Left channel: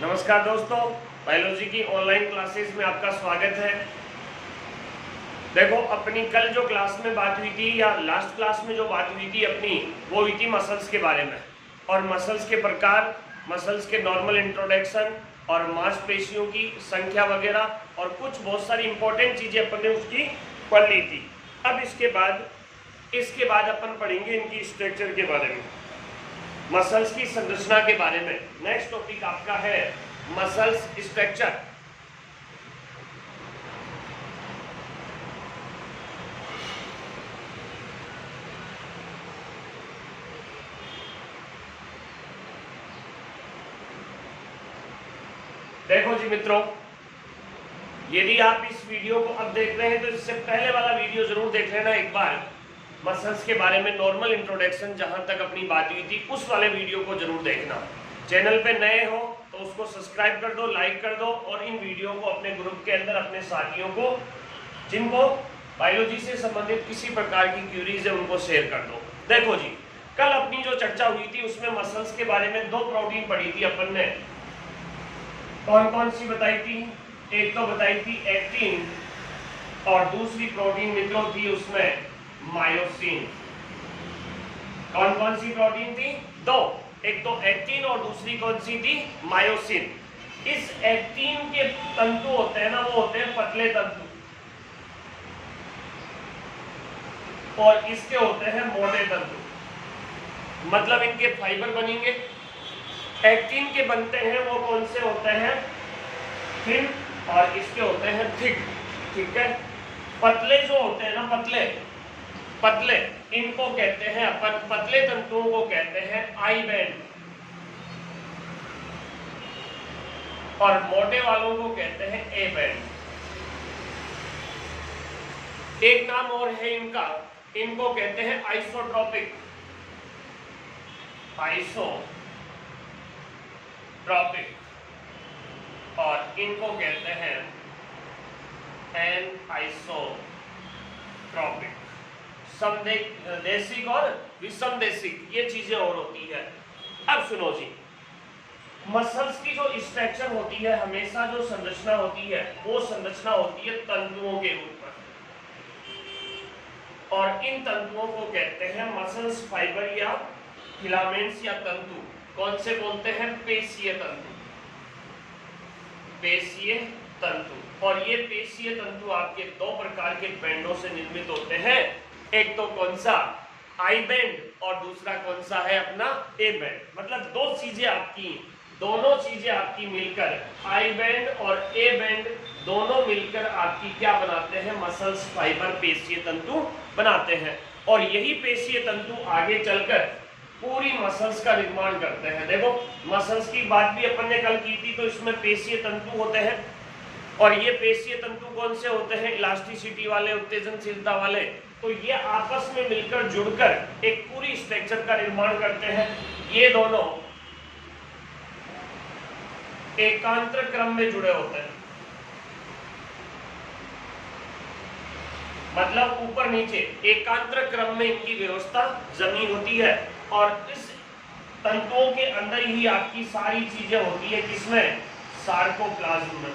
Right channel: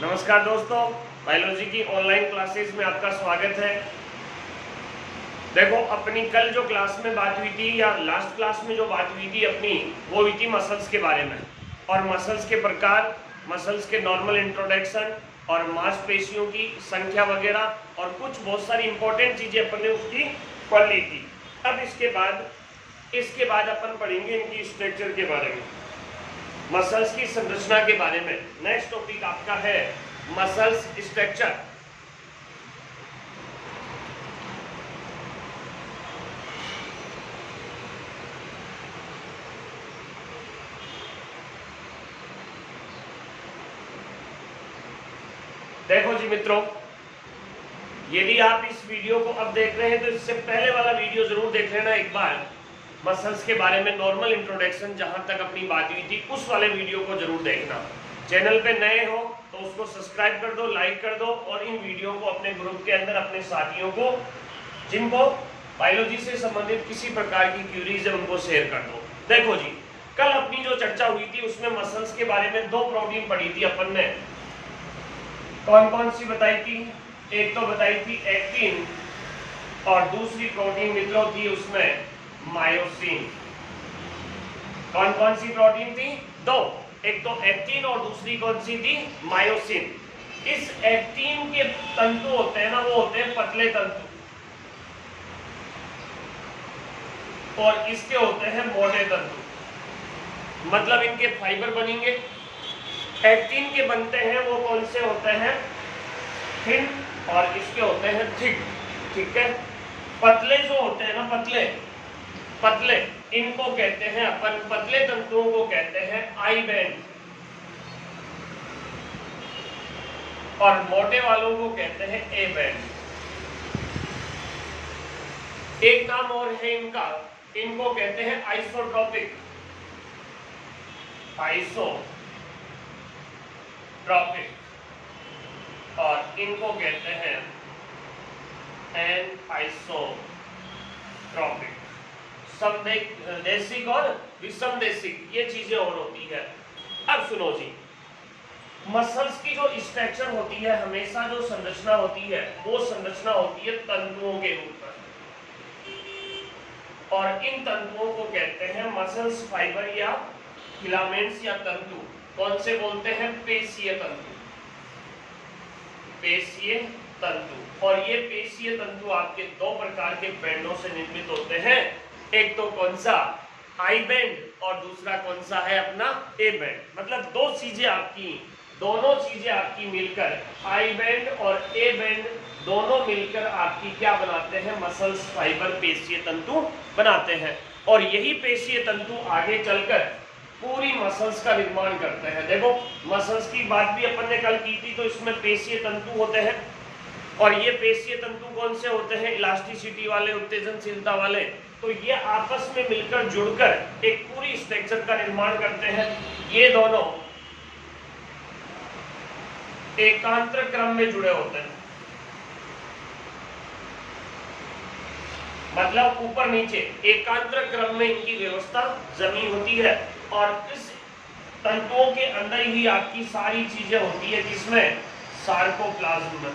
नमस्कार दोस्तों, बायोलॉजी की ऑनलाइन क्लासेस में आपका स्वागत है। देखो, अपनी कल जो क्लास में बात हुई थी या लास्ट क्लास में जो बात हुई थी अपनी, वो हुई थी मसल्स के बारे में और मसल्स के प्रकार, मसल्स के नॉर्मल इंट्रोडक्शन और मांसपेशियों की संख्या वगैरह और कुछ बहुत सारी इंपॉर्टेंट चीजें अपन ने उसकी पढ़ ली थी। अब इसके बाद अपन पढ़ेंगे इनकी स्ट्रक्चर के बारे में, मसल्स की संरचना के बारे में। नेक्स्ट टॉपिक आपका है मसल्स स्ट्रक्चर। देखो जी मित्रों, यदि आप इस वीडियो को अब देख रहे हैं तो इससे पहले वाला वीडियो जरूर देख लेना एक बार, मसल्स के बारे में नॉर्मल इंट्रोडक्शन जहां तक अपनी बात हुई थी उस वाले वीडियो को जरूर देखना। चैनल पे नए हो तो उसको सब्सक्राइब कर दो, लाइक कर दो और इन वीडियो को अपने ग्रुप के अंदर अपने साथियों को जिनको बायोलॉजी से संबंधित किसी प्रकार की क्यूरीज है उनको शेयर कर दो। देखो जी, कल अपनी जो चर्चा हुई थी उसमें मसल्स के बारे में दो प्रोटीन पढ़ी थी अपन ने। कौन कौन सी बताई थी? एक तो बताई थी एक्टिन और दूसरी प्रोटीन मित्रों थी उसमें मायोसिन। कौन कौन सी प्रोटीन थी? दो, एक तो एक्टिन और दूसरी कौन सी थी? मायोसिन। इस एक्टिन के तंतु होते हैं ना, वो होते हैं पतले तंतु और इसके होते हैं मोटे तंतु, मतलब इनके फाइबर बनेंगे। एक्टिन के बनते हैं वो कौन से होते हैं? थिन और इसके होते हैं थिक। ठीक है, पतले जो होते हैं ना, पतले इनको कहते हैं अपन, पतले तंतुओं को कहते हैं आई बैंड और मोटे वालों को कहते हैं ए बैंड। एक नाम और है इनका, इनको कहते हैं आइसोट्रोपिक और इनको कहते हैं एनआइसोट्रोपिक। समदेशिक और विषमदेशिक, ये चीजें और होती है। अब सुनो जी, मसल्स की जो स्ट्रक्चर होती है, हमेशा जो संरचना होती है वो संरचना होती है तंतुओं के रूप में और इन तंतुओं को कहते हैं मसल्स फाइबर या फिलामेंट्स या तंतु। कौन से बोलते हैं? पेशीय तंतु। पेशीय तंतु। और ये पेशीय तंतु आपके दो प्रकार के बैंडों से निर्मित होते हैं, एक तो कौन सा? आई बैंड और दूसरा कौन सा है अपना? A band. मतलब दोनों चीजें आपकी मिलकर, आई बैंड और ए बैंड दोनों मिलकर आपकी क्या बनाते हैं? मसल्स फाइबर, पेशीय तंतु बनाते हैं। और यही पेशीय तंतु आगे चलकर पूरी मसल्स का निर्माण करते हैं। देखो, मसल्स की बात भी अपन ने कल की थी, तो इसमें पेशीय तंतु होते हैं और ये पेशीय तंतु कौन से होते हैं? इलास्टिसिटी वाले, उत्तेजनशीलता वाले। तो ये आपस में मिलकर जुड़कर एक पूरी स्ट्रक्चर का निर्माण करते हैं। ये दोनों एकांतर क्रम में जुड़े होते हैं, मतलब ऊपर नीचे एकांतर क्रम में इनकी व्यवस्था जमी होती है और इस तंतुओं के अंदर ही आपकी सारी चीजें होती है, जिसमें सार्कोप्लाज्म।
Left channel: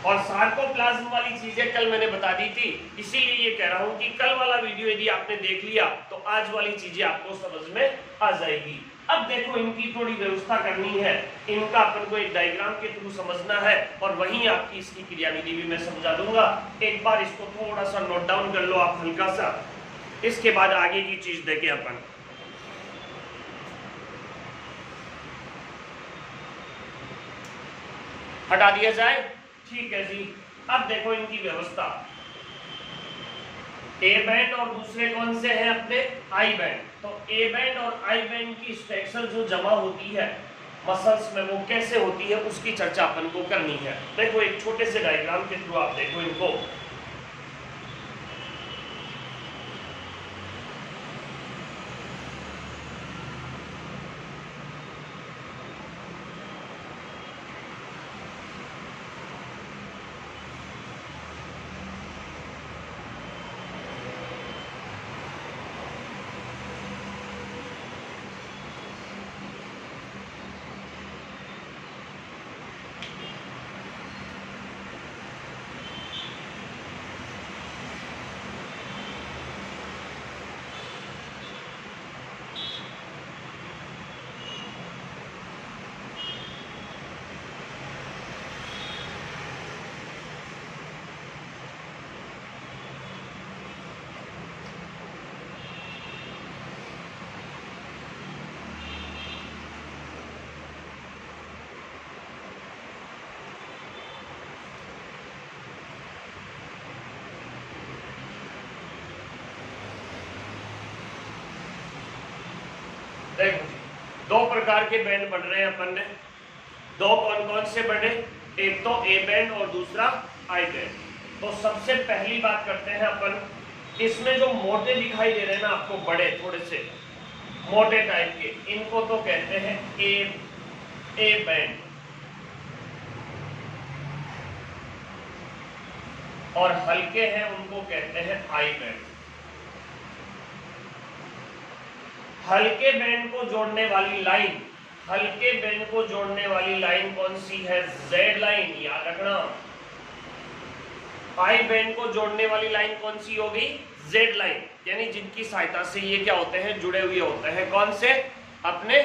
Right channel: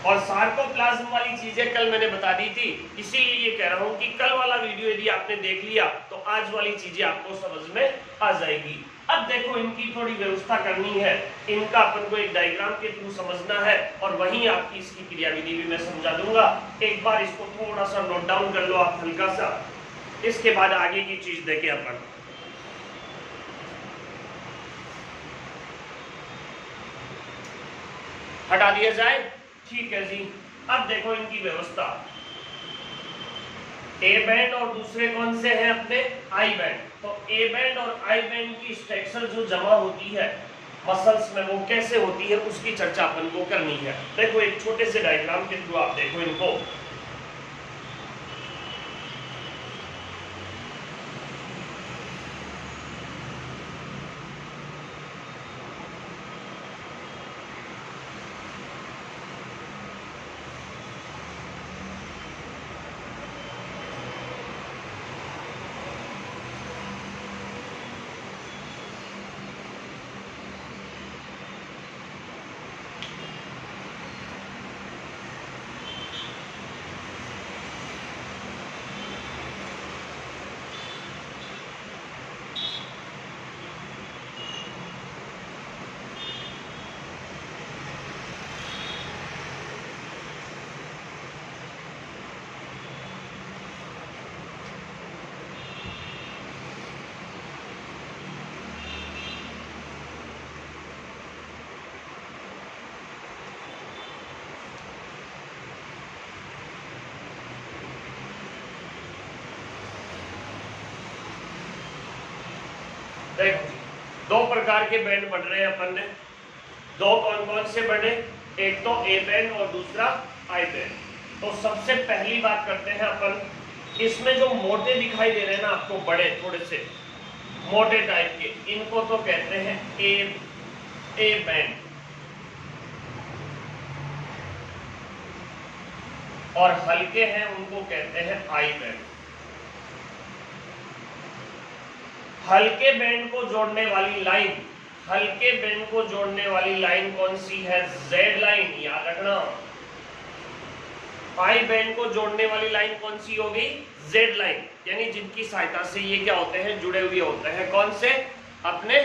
और सार्कोप्लाज्म वाली चीजें कल मैंने बता दी थी, इसीलिए ये कह रहा हूं कि कल वाला वीडियो यदि आपने देख लिया तो आज वाली चीजें आपको समझ में आ जाएगी। अब देखो, इनकी थोड़ी व्यवस्था करनी है, इनका अपन को एक डायग्राम के थ्रू समझना है और वहीं आपकी इसकी क्रियाविधि भी मैं समझा दूंगा। एक बार इसको थोड़ा सा नोट डाउन कर लो आप हल्का सा, इसके बाद आगे की चीज देखें अपन। हटा दिया जाए? ठीक है जी। अब देखो इनकी व्यवस्था, ए बैंड और दूसरे कौन से हैं अपने? I band. तो ए बैंड और आई बैंड की स्ट्रक्चर जो जमा होती है मसल्स में, वो कैसे होती है उसकी चर्चा अपन को करनी है। देखो, एक छोटे से डायग्राम के थ्रू आप देखो इनको। देखो जी, दो प्रकार के बैंड बढ़ रहे हैं अपन ने। दो कौन कौन से बढ़े? एक तो ए बैंड और दूसरा आई बैंड। तो सबसे पहली बात करते हैं अपन, इसमें जो मोटे दिखाई दे रहे हैं ना आपको, बड़े थोड़े से मोटे टाइप के, इनको तो कहते हैं ए बैंड, और हल्के हैं उनको कहते हैं आई बैंड। हल्के बैंड को जोड़ने वाली लाइन, हल्के बैंड को जोड़ने वाली लाइन कौन सी है? जेड लाइन, याद रखना। आई बैंड को जोड़ने वाली लाइन कौन सी होगी? जेड लाइन, यानी जिनकी सहायता से ये क्या होते हैं? जुड़े हुए होते हैं। कौन से? अपने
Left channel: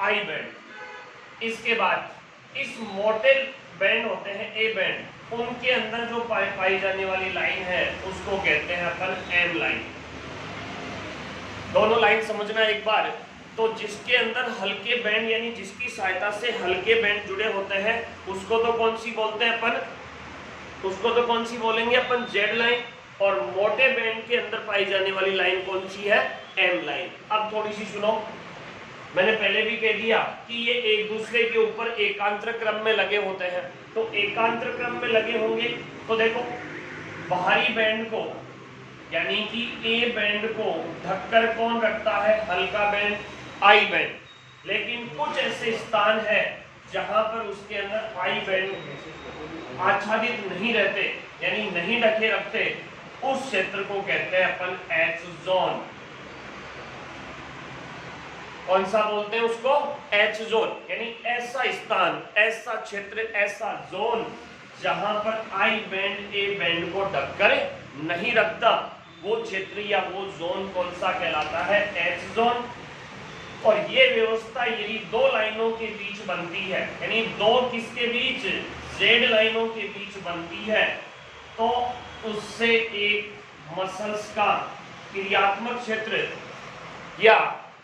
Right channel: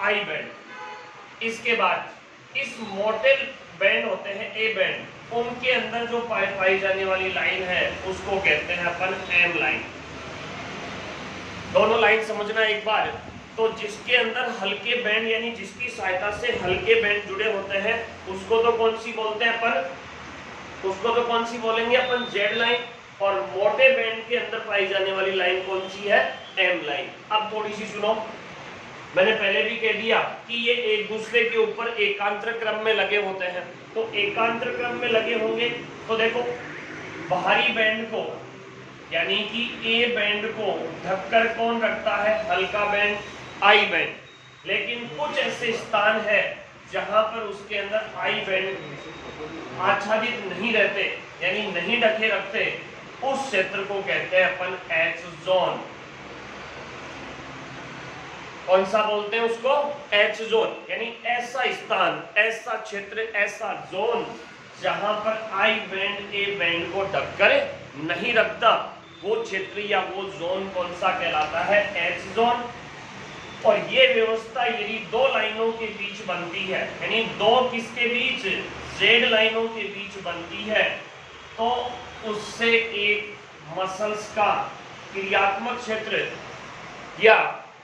आई बैंड। इसके बाद इस मोटे बैंड होते हैं ए बैंड, उनके अंदर जो पाई जाने वाली लाइन है उसको कहते हैं अपन एम लाइन। दोनों लाइन समझना एक बार। तो जिसके अंदर हल्के बैंड, यानी जिसकी सहायता से हल्के बैंड जुड़े होते हैं, उसको तो कौन सी बोलते हैं अपन? उसको तो कौन सी बोलेंगे अपन? Z line. और मोटे बैंड के अंदर पाई जाने वाली लाइन कौन सी है? M line. अब थोड़ी सी सुनो, मैंने पहले भी कह दिया कि ये एक दूसरे के ऊपर एकांतर क्रम में लगे होते हैं। तो एकांतर क्रम में लगे होंगे तो देखो, बाहरी बैंड को यानी कि ए बैंड को ढककर कौन रखता है? हल्का बैंड, आई बैंड। लेकिन कुछ ऐसे स्थान है जहां पर उसके अंदर आई बैंड आच्छादित नहीं रहते, यानी नहीं ढके रखते, उस क्षेत्र को कहते हैं अपन एच जोन। कौन सा बोलते हैं उसको? H zone. यानी ऐसा स्थान, ऐसा क्षेत्र, ऐसा जोन जहां पर आई बैंड ए बैंड को ढककर नहीं रखता, वो क्षेत्र या वो जोन कौन सा कहलाता है? H zone. और ये व्यवस्था यदि दो लाइनों के बीच बनती है, यानी दो किसके बीच? जेड लाइनों के बीच बनती है, तो उससे एक मसल्स का क्रियात्मक क्षेत्र या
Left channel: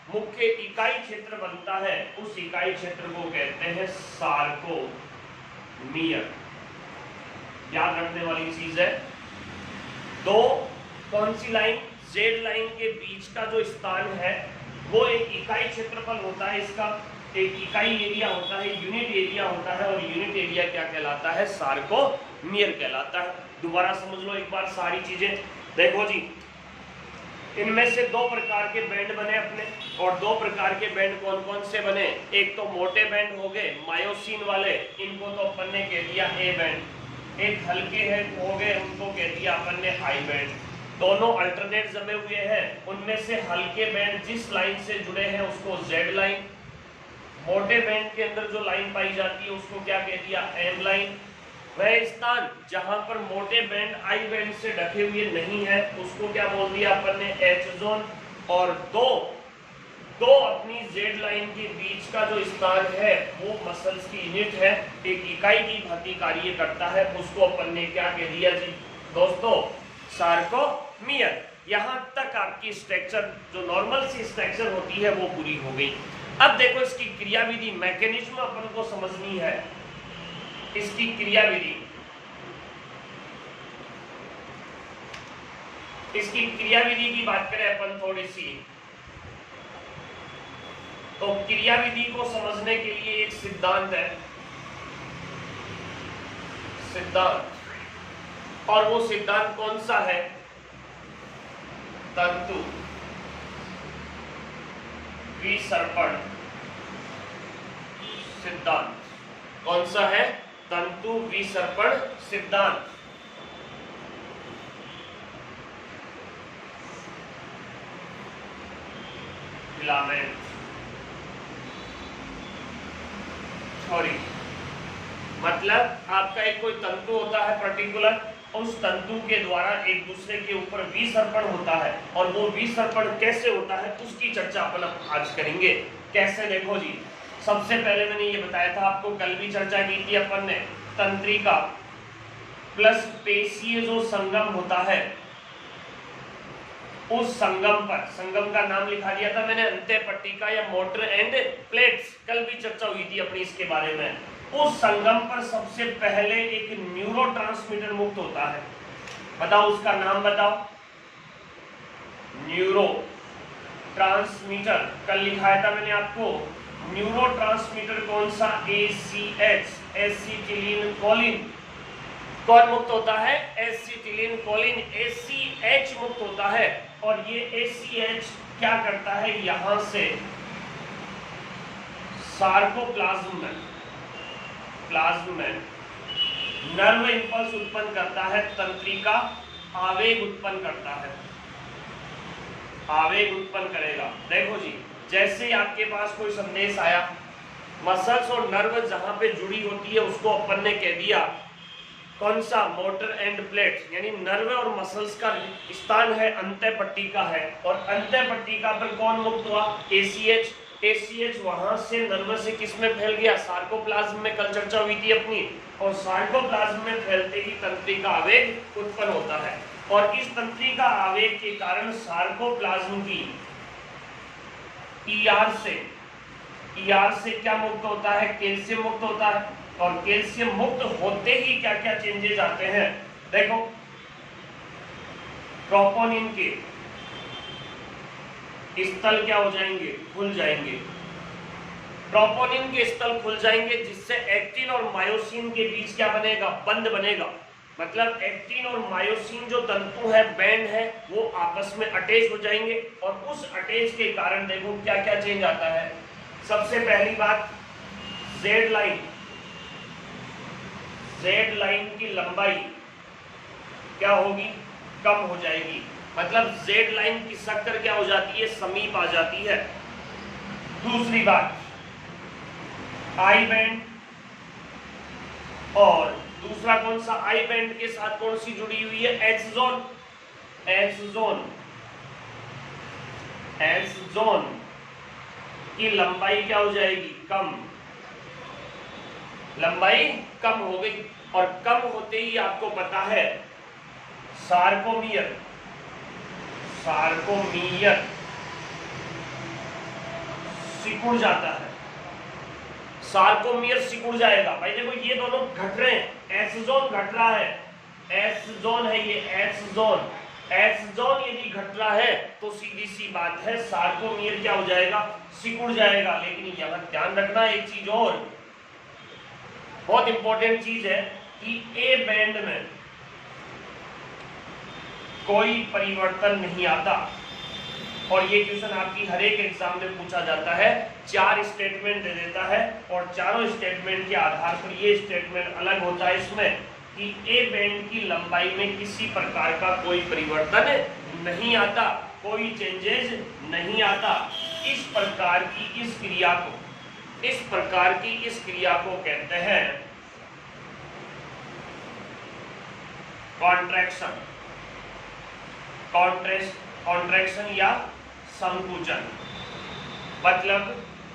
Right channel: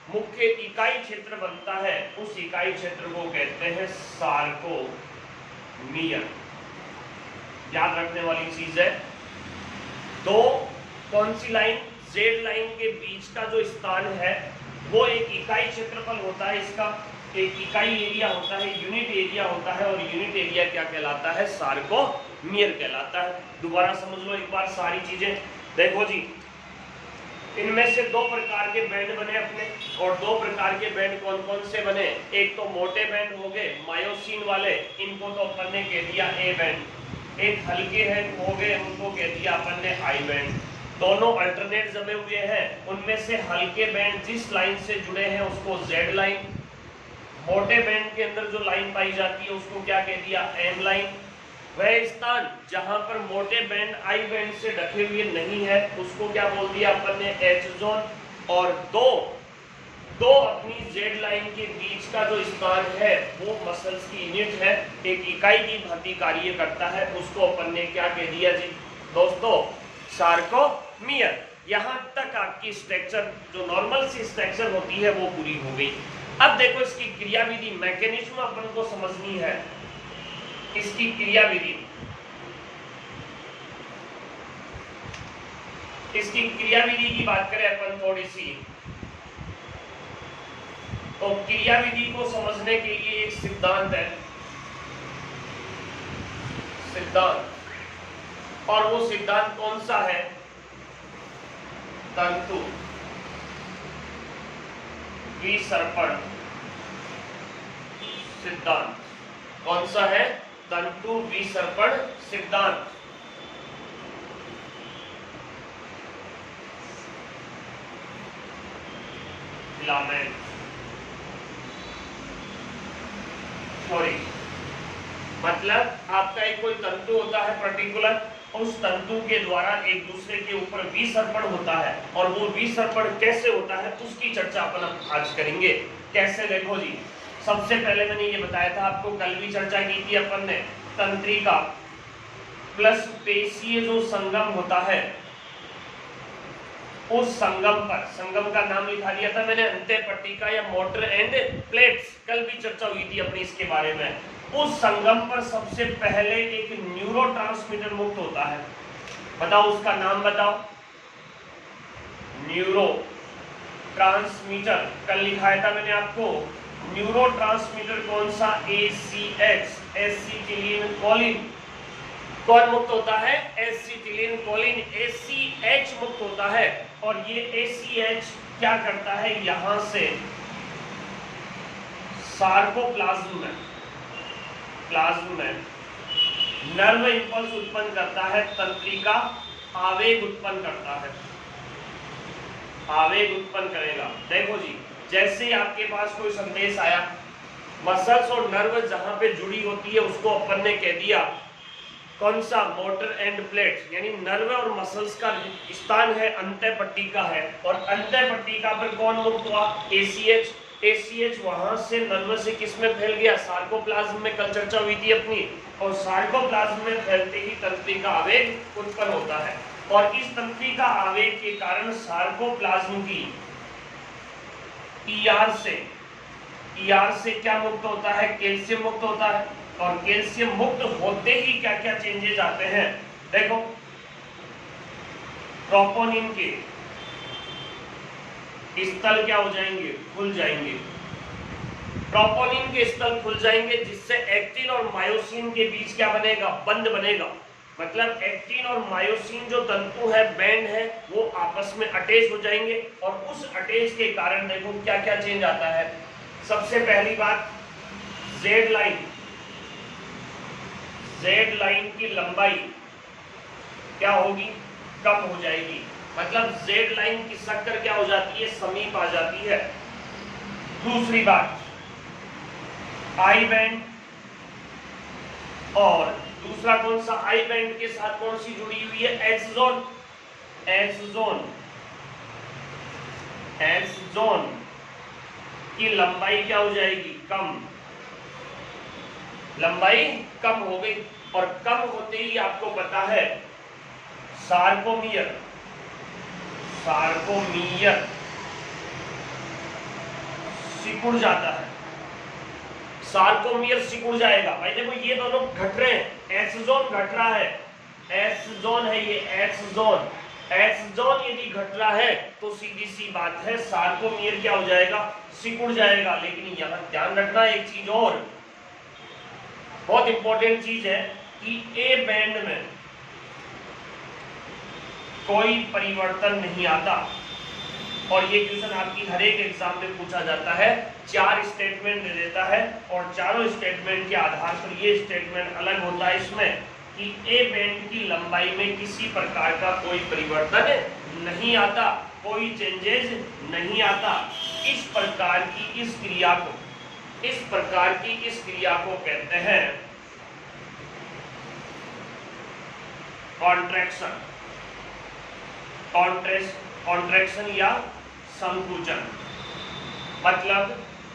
मुख्य इकाई क्षेत्र बनता है। उस इकाई क्षेत्र को कहते हैं सार्कोमियर। याद रखने वाली चीज है। दो कौन सी लाइन? जेड लाइन के बीच का जो स्थान है वो एक इकाई क्षेत्रफल होता है, इसका एक इकाई एरिया होता है, यूनिट एरिया होता है। और यूनिट एरिया क्या कहलाता है? सार्कोमियर कहलाता है। दोबारा समझ लो एक बार सारी चीजें। देखो जी, इनमें से दो प्रकार के बैंड बने अपने, और दो प्रकार के बैंड कौन कौन से बने? एक तो मोटे बैंड हो गए मायोसिन वाले, इनको तो अपन ने कह दिया ए बैंड। एक हल्के हैं हो गए, उनको कह दिया अपन ने आई बैंड। दोनों अल्टरनेट जमे हुए हैं, उनमें से हल्के बैंड जिस लाइन से जुड़े हैं उसको जेड लाइन, मोटे बैंड के अंदर जो लाइन पाई जाती है उसको क्या कह दिया? M line. वह स्थान जहां पर मोटे बैंड आई बैंड से ढके हुए नहीं है उसको क्या बोल दिया अपन ने? H zone. और दो अपनी जेड लाइन के बीच का जो स्थान है वो मसल्स की यूनिट है, एक इकाई की भांति कार्य करता है, उसको अपन ने क्या कह दिया जी दोस्तों? सार्कोमियर। यहां तक आपकी स्ट्रक्चर जो नॉर्मल सी स्ट्रक्चर होती है वो पूरी हो गई। अब देखो इसकी क्रियाविधि, मैकेनिज्म अपन को समझनी है। इसकी क्रियाविधि, इसकी क्रियाविधि की बात करें अपन थोड़ी सी, तो क्रियाविधि को समझने के लिए एक सिद्धांत है, सिद्धांत। और वो सिद्धांत कौन सा है? तंतु विसर्पण सिद्धांत। कौन सा है? तंतु विसर्पण सिद्धांत। फिलामेंट थ्योरी मतलब आपका एक कोई तंतु होता है पर्टिकुलर, उस तंतु के द्वारा एक दूसरे के ऊपर विसर्पण होता है, और वो विसर्पण कैसे होता है उसकी चर्चा अपन आज करेंगे। कैसे? देखो जी, सबसे पहले मैंने ये बताया था आपको, कल भी चर्चा की थी अपन ने, तंत्रिका प्लस पेशीय जो संगम होता है, उस संगम पर, संगम का नाम लिखा दिया था मैंने, अंत्य पट्टिका या मोटर एंड प्लेट्स। कल भी चर्चा हुई थी अपनी इसके बारे में। उस संगम पर सबसे पहले एक न्यूरोट्रांसमीटर मुक्त होता है। बताओ उसका नाम बताओ। न्यूरो ट्रांसमीटर, कल लिखाया था मैंने आपको न्यूरो ट्रांसमीटर कौन सा, ACH, एसिटिलीन कोलिन। कौन मुक्त होता है, एसिटिलीन कोलिन, ACH मुक्त होता है। और ये ACH क्या करता है, यहां से सार्कोप्लाज्म में नर्व इंपल्स उत्पन्न करता है, तंत्रिका आवेग उत्पन्न करता है, आवेग उत्पन्न करेगा। देखो जी, जैसे ही आपके पास कोई संदेश आया, मसल्स और नर्व जहां पे जुड़ी होती है उसको अपन ने कह दिया कौन सा, मोटर एंड प्लेट, यानी नर्व और मसल्स का स्थान है अंतः पट्टिका है। और अंतः पट्टिका पर कौन मुक्त हुआ, ACH। ACH वहां से नर्व से किस में फैल गया, सार्कोप्लाज्म में, कल चर्चा हुई थी अपनी। और सार्कोप्लाज्म में फैलते ही तंत्रिका आवेग उत्पन्न होता है। और इस तंत्रिका आवेग के कारण सार्कोप्लाज्म की ER से क्या मुक्त होता है, कैल्शियम मुक्त होता है। और कैल्शियम मुक्त होते ही क्या क्या चेंजेस आते हैं, देखो ट्रोपोनिन के स्थल क्या हो जाएंगे, खुल जाएंगे। ट्रोपोनिन के स्थल खुल जाएंगे, जिससे एक्टिन और मायोसिन के बीच क्या बनेगा, बंध बनेगा। मतलब एक्टिन और मायोसिन जो तंतु है, बैंड है, वो आपस में अटैच हो जाएंगे। और उस अटैच के कारण देखो क्या क्या चेंज आता है। सबसे पहली बात, जेड लाइन की लंबाई क्या होगी, कम हो जाएगी। मतलब जेड लाइन की शक्कर क्या हो जाती है, समीप आ जाती है। दूसरी बात, आई बैंड, और दूसरा कौन सा, आई बैंड के साथ कौन सी जुड़ी हुई है, एच जोन की लंबाई क्या हो जाएगी, कम, लंबाई कम हो गई। और कम होते ही आपको पता है सार्कोमियर सिकुड़ जाता है, सार्कोमियर सिकुड़ जाएगा। भाई देखो ये दोनों घट रहे हैं, एच जोन घट रहा है, एच जोन है ये, एच जोन यदि घट रहा है तो सीधी सी बात है सार्कोमियर क्या हो जाएगा, सिकुड़ जाएगा। लेकिन यहां ध्यान रखना एक चीज और, बहुत इंपॉर्टेंट चीज है कि ए बैंड में कोई परिवर्तन नहीं आता। और ये क्वेश्चन आपकी हर एक एग्जाम में पूछा जाता है, 4 स्टेटमेंट दे देता है और चारों स्टेटमेंट के आधार पर ये स्टेटमेंट अलग होता है इसमें कि ए बैंड की लंबाई में किसी प्रकार का कोई परिवर्तन नहीं आता, कोई चेंजेस नहीं आता। इस प्रकार की इस क्रिया को कहते हैं कॉन्ट्रैक्शन या संकुचन। मतलब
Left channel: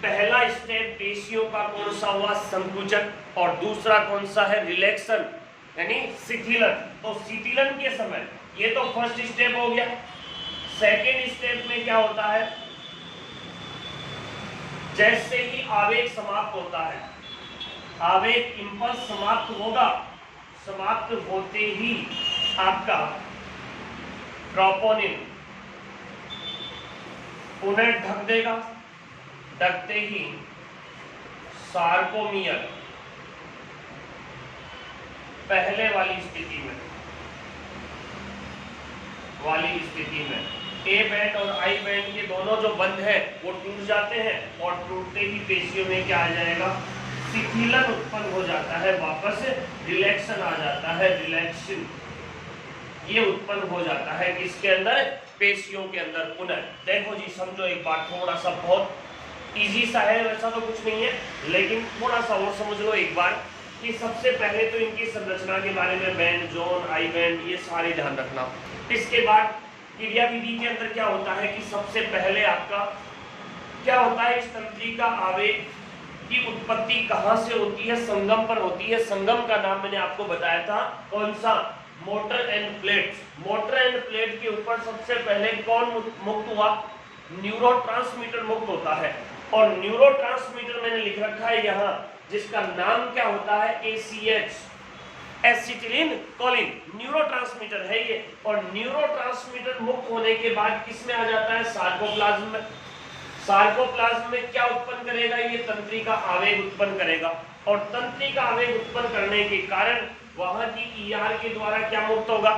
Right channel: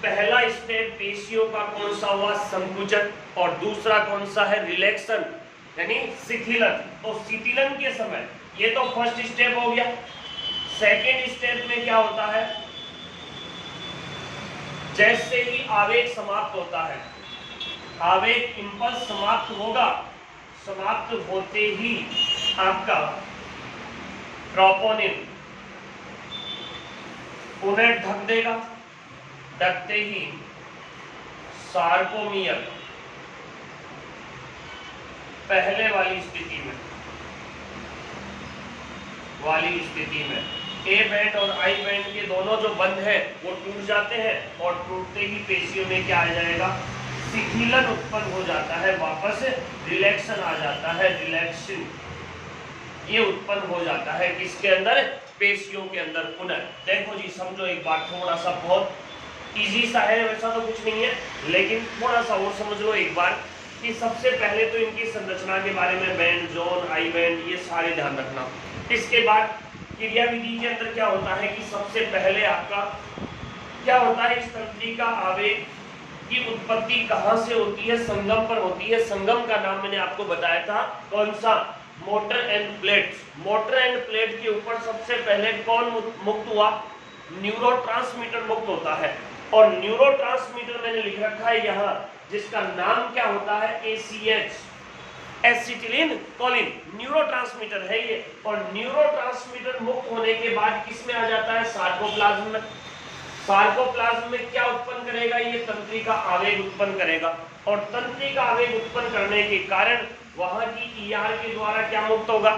पहला स्टेप पेशियों का कौन सा हुआ, संकुचन, और दूसरा कौन सा है, रिलैक्सन यानी शिथिलन। तो शिथिलन के समय ये तो फर्स्ट स्टेप हो गया। सेकेंड स्टेप में क्या होता है, जैसे ही आवेग समाप्त होता है, आवेग इंपल्स समाप्त होगा, समाप्त होते ही आपका ट्रोपोनिन पुनः ढक देगा, ढकते ही सार्कोमियर पहले वाली स्थिति में ए बैंड और आई बैंड के दोनों जो बंध है वो टूट जाते हैं। और टूटते ही पेशियों में क्या आ जाएगा, शिथिलन उत्पन्न हो जाता है, वापस रिलैक्सन आ जाता है, रिलैक्सन ये उत्पन्न हो जाता है किसके अंदर, पेशियों के अंदर पुनः। देखो जी समझो एक बार, थोड़ा सा बहुत इजी सा है, वैसा तो कुछ नहीं है, लेकिन थोड़ा सा और समझ लो एक बार कि सबसे पहले तो इनकी संरचना के बारे में, बैंड, जोन, आई बैंड, ये सारे ध्यान रखना। इसके बाद क्रिया विधि के अंदर क्या होता है कि सबसे पहले आपका क्या होता है, इस तंत्रिका आवेग की उत्पत्ति कहां से होती है, संगम पर होती है। संगम का नाम मैंने आपको बताया था, कौन सा, motor end plate. Motor end plate के ऊपर सबसे पहले कौन मुक्त हुआ, न्यूरोट्रांसमीटर मुक्त होता है। और न्यूरोट्रांसमीटर मैंने लिख रखा है यहाँ, जिसका नाम क्या होता है, ACH। एसिटिलीन कोलिन न्यूरोट्रांसमीटर है ये, और न्यूरोट्रांसमीटर मुक्त होने के बाद किस में आ जाता है? सार्कोप्लाज्म में। सार्कोप्लाज्म में क्या उत्पन्न करेगा? ये तंत्रिका आवेग उत्पन्न करेगा, और तंत्रिका आवेग उत्पन्न करने के कारण वहां की ईआर के द्वारा क्या मुक्त होगा?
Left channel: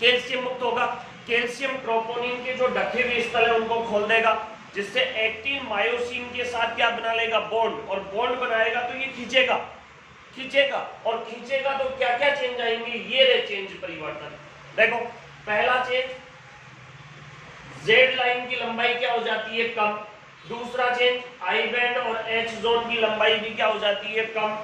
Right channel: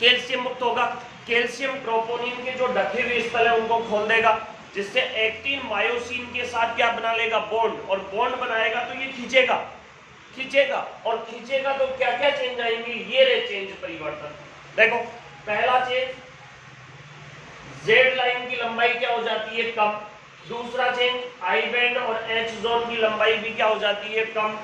कैल्शियम मुक्त होगा। कैल्शियम ट्रोपोनिन के जो ढके हुए स्थल है उनको खोल देगा, जिससे एक्टिन मायोसिन के साथ क्या बना लेगा? बॉन्ड, और बॉन्ड बनाएगा तो ये खींचेगा, और खींचेगा तो क्या क्या चेंज आएंगे? ये रे चेंज, परिवर्तन। देखो पहला चेंज, जेड लाइन की लंबाई क्या हो जाती है? कम। दूसरा चेंज, आई बैंड और एच जोन की लंबाई भी क्या हो जाती है? कम।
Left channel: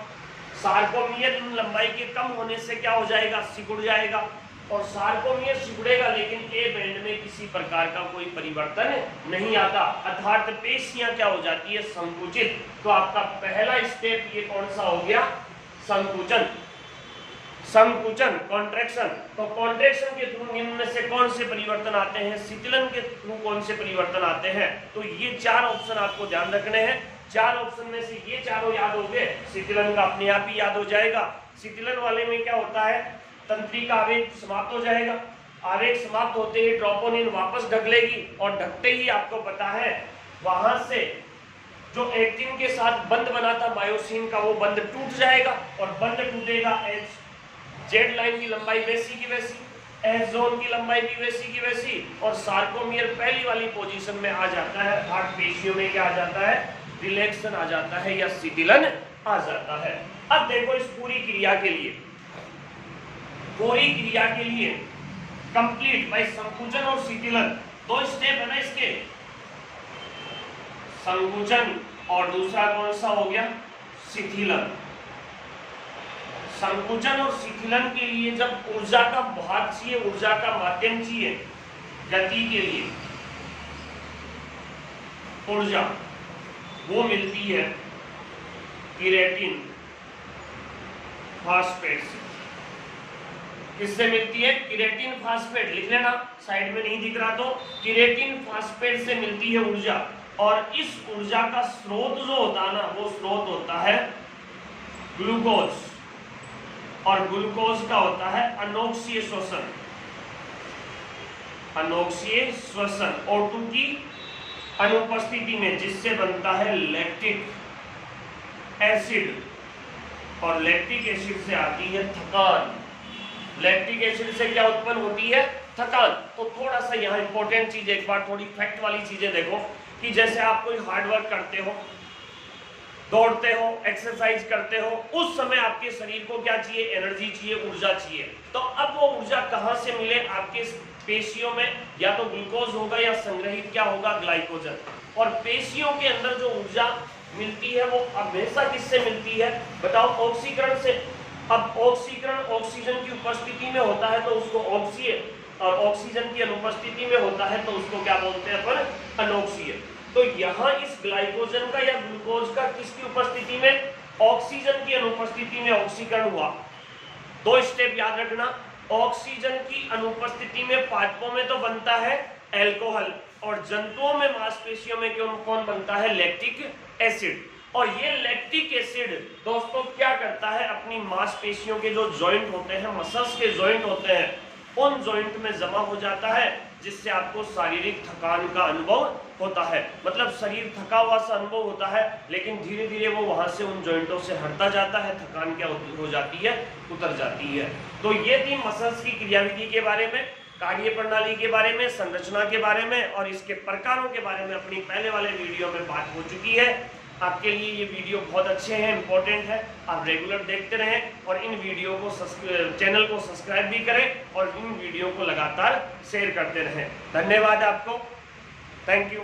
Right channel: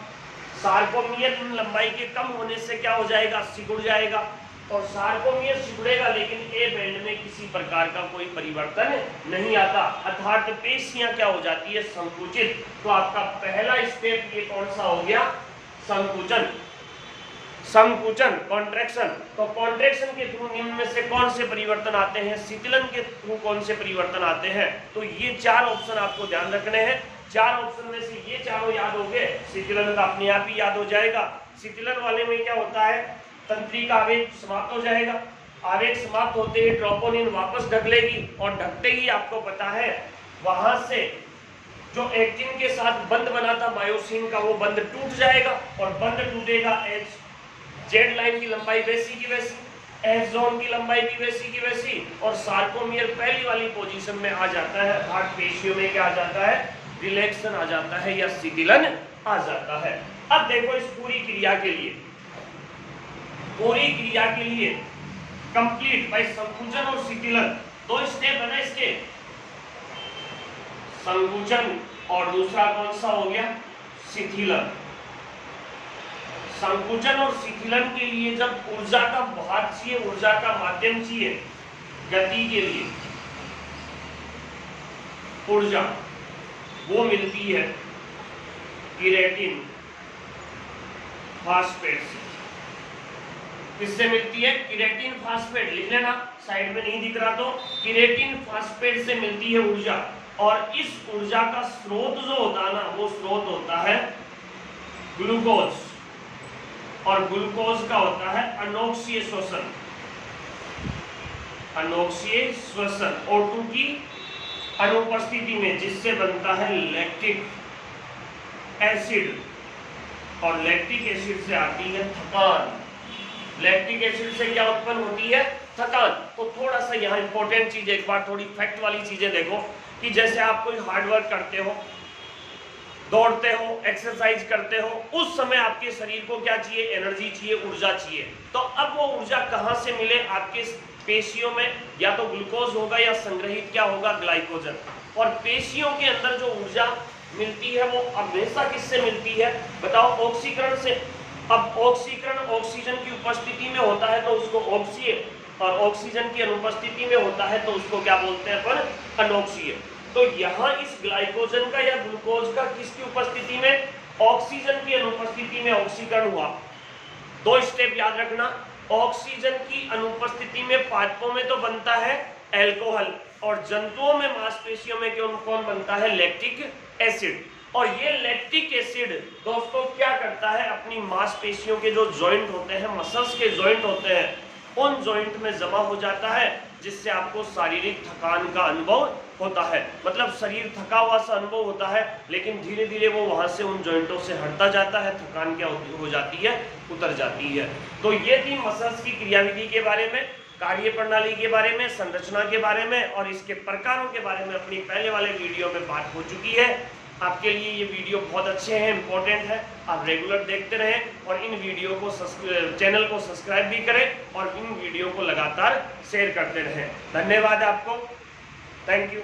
सार्कोमियर लंबाई के कम होने से क्या हो जाएगा? सिकुड़ जाएगा, और सार्कोमियर सिकुड़ेगा लेकिन ए बैंड में किसी प्रकार का कोई परिवर्तन नहीं आता, अर्थात पेशियां क्या हो जाती है? संकुचित। तो आपका पहला स्टेप ये कौन सा हो गया? संकुचन। संकुचन, कॉन्ट्रैक्शन। तो कॉन्ट्रैक्शन के थ्रू निम्न में से कौन से परिवर्तन आते हैं? शीतलन के थ्रू कौन से परिवर्तन आते हैं? तो ये चार ऑप्शन आपको ध्यान रखने हैं। चार ऑप्शन में से ये चारों याद हो गए, शीतलन का अपने आप ही याद हो जाएगा। शीतलन वाले में क्या होता है? तंत्रिका आवेग समाप्त हो जाएगा, आवेग समाप्त होते ही ट्रोपोनिन वापस ढक लेगी, और ढकते ही आपको पता है वहां से जो एक्टिन के साथ बंध बना था मायोसिन का, वो बंध टूट जाएगा, और बंध टूटेगा, एच जेड लाइन की लंबाई वैसी की वैसी, एच जोन की लंबाई भी वैसी की वैसी, और सार्कोमियर पहली वाली पोजीशन में आ जाता है, अर्थात पेशियों में क्या आ जाता है? रिलैक्सेशन आ जाता है या शिथिलन आ जाता है। अब देखो इस पूरी क्रिया के लिए कंप्लीट भाई संकुचन और शिथिलन दो स्टेप है ना इसके, संकुचन और दूसरा कौन सा हो गया? शिथिलन। संकुचन और शिथिलन के लिए जब ऊर्जा का भाग चाहिए, ऊर्जा का माध्यम चाहिए गति के लिए, ऊर्जा वो मिलती है केराटिन फास्फेट से। किससे मिलती है? केराटिन फास्फेट, लिख लेना साइड में नहीं दिख रहा तो, केराटिन फास्फेट से मिलती है ऊर्जा, और इस ऊर्जा का स्रोत जो होता है ना, वो स्रोत होता है ग्लूकोज, और ग्लूकोज का होता है अनोक्सीय श्वसन, अनोक्सीय श्वसन O2 की अनुपस्थिति में, जिससे बनता है लैक्टिक एसिड, और लैक्टिक एसिड से आती है थकान। लैक्टिक एसिड से क्या उत्पन्न होती है? थकान। तो थोड़ा सा यहाँ इंपॉर्टेंट चीज, एक बार थोड़ी फैक्ट वाली चीजें देखो, कि जैसे आप कोई हार्डवर्क करते हो, दौड़ते हो, एक्सरसाइज करते हो, उस समय आपके शरीर को क्या चाहिए? एनर्जी चाहिए, ऊर्जा चाहिए। तो अब वो ऊर्जा कहाँ से मिले? आपके पेशियों में या तो ग्लूकोज होगा या संग्रहित क्या होगा? ग्लाइकोजन। और पेशियों के अंदर जो ऊर्जा मिलती है वो हमेशा किससे मिलती है? बताओ, ऑक्सीकरण से। अब ऑक्सीकरण ऑक्सीजन की उपस्थिति में होता है तो उसको ऑक्सीय, और ऑक्सीजन की अनुपस्थिति में होता है तो उसको क्या बोलते हैं अपन? अनोक्सीय। तो यहाँ इस ग्लाइकोजन का या ग्लूकोज का किसकी उपस्थिति में? ऑक्सीजन की अनुपस्थिति में ऑक्सीकरण हुआ। दो स्टेप याद रखना, ऑक्सीजन की अनुपस्थिति में पादपों में तो बनता है एल्कोहल, और जंतुओं में मांसपेशियों में कौन बनता है? Lactic acid. और ये लैक्टिक एसिड दोस्तों क्या करता है? अपनी मांसपेशियों के जो जॉइंट होते हैं, मसल्स के जॉइंट होते हैं, उन जॉइंट में जमा हो जाता है, जिससे आपको शारीरिक थकान का अनुभव होता है। मतलब शरीर थका हुआ सा अनुभव होता है, लेकिन धीरे धीरे वो वहां से उन जॉइंटों से हटता जाता है, थकान क्या हो जाती है? उतर जाती है। तो ये थी मसल्स की क्रियाविधि के बारे में, कार्य प्रणाली के बारे में, संरचना के बारे में, और इसके प्रकारों के बारे में अपनी पहले वाले वीडियो में बात हो चुकी है। आपके लिए ये वीडियो बहुत अच्छे हैं, इंपॉर्टेंट है, आप रेगुलर देखते रहें, और इन वीडियो को चैनल को सब्सक्राइब भी करें, और इन वीडियो को लगातार शेयर करते रहें। धन्यवाद आपको, थैंक यू।